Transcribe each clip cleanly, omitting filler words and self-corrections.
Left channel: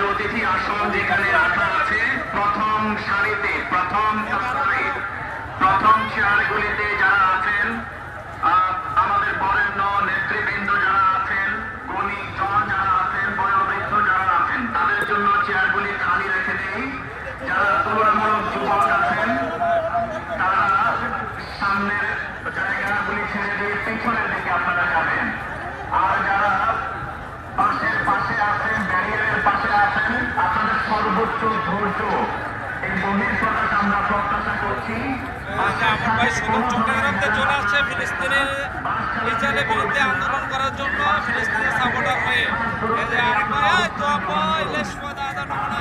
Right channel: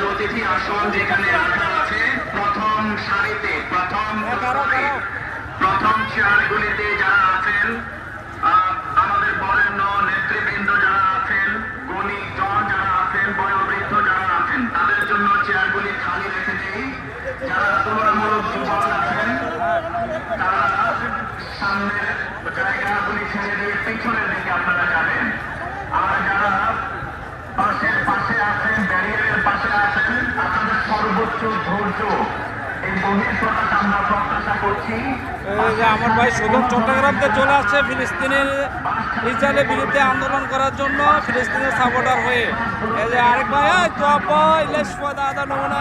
আমাদের অতিথি আসন যেখানে রাখা আছে প্রথম সারিতে, প্রথম চেয়ারগুলিতে যারা আছেন, আমাদের বরেণ্য নেতৃবৃন্দ যারা আছেন, গণিতজন যারা আছেন, বয়োবৃদ্ধ যারা আছেন, তাদের জন্য চেয়ারগুলি খালি রেখে দেই। যারা তুলনামূলক যুবক আছেন তারা সামনের জায়গাগুলি ছেড়ে দিয়ে পিছনের দিকে আপনারা যাবেন। আর যারা পাশে আছেন, ব্যারিয়ারের পাশে আছেন, আপনাদের সর্বোচ্চ ধৈর্য এই গভীর প্রকাশ আমরা প্রত্যাশা করছি। আমার ভাই সুদূর চট্টগ্রামকে চলে আসছে ফিলিস্তিনের ইসরায়েলের বিরুদ্ধে আন্দোলন করার জন্য, ফিলিস্তিনের সাপোর্টার হয়ে। এই যে আরেক ভাই দাদা নমুনা,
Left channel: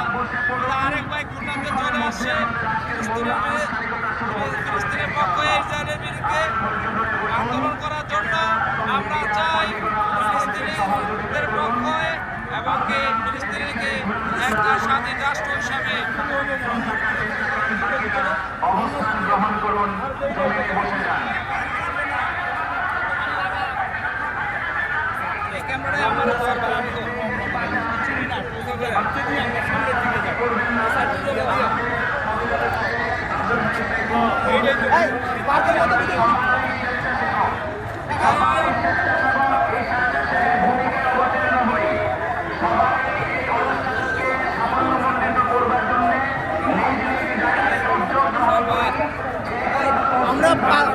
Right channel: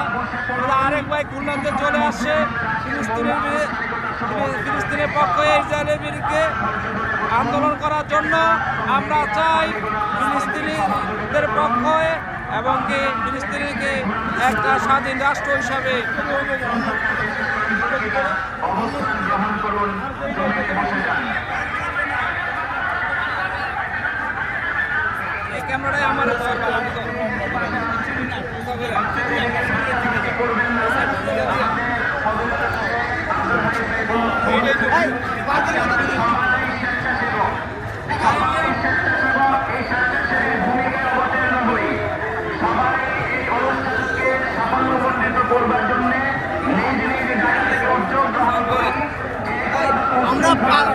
আরেক ভাই খুলনাতে চলে আসছে ফিলিস্তিনের পক্ষে ইসরায়েলের বিরুদ্ধে আন্দোলন করার জন্য। আমরা চাই ফিলিস্তিনিদের পক্ষে এবং কি ফিলিস্তিনিকে একটা স্বাধীন রাষ্ট্র হিসাবে অবস্থান গ্রহণ করুন। আমরা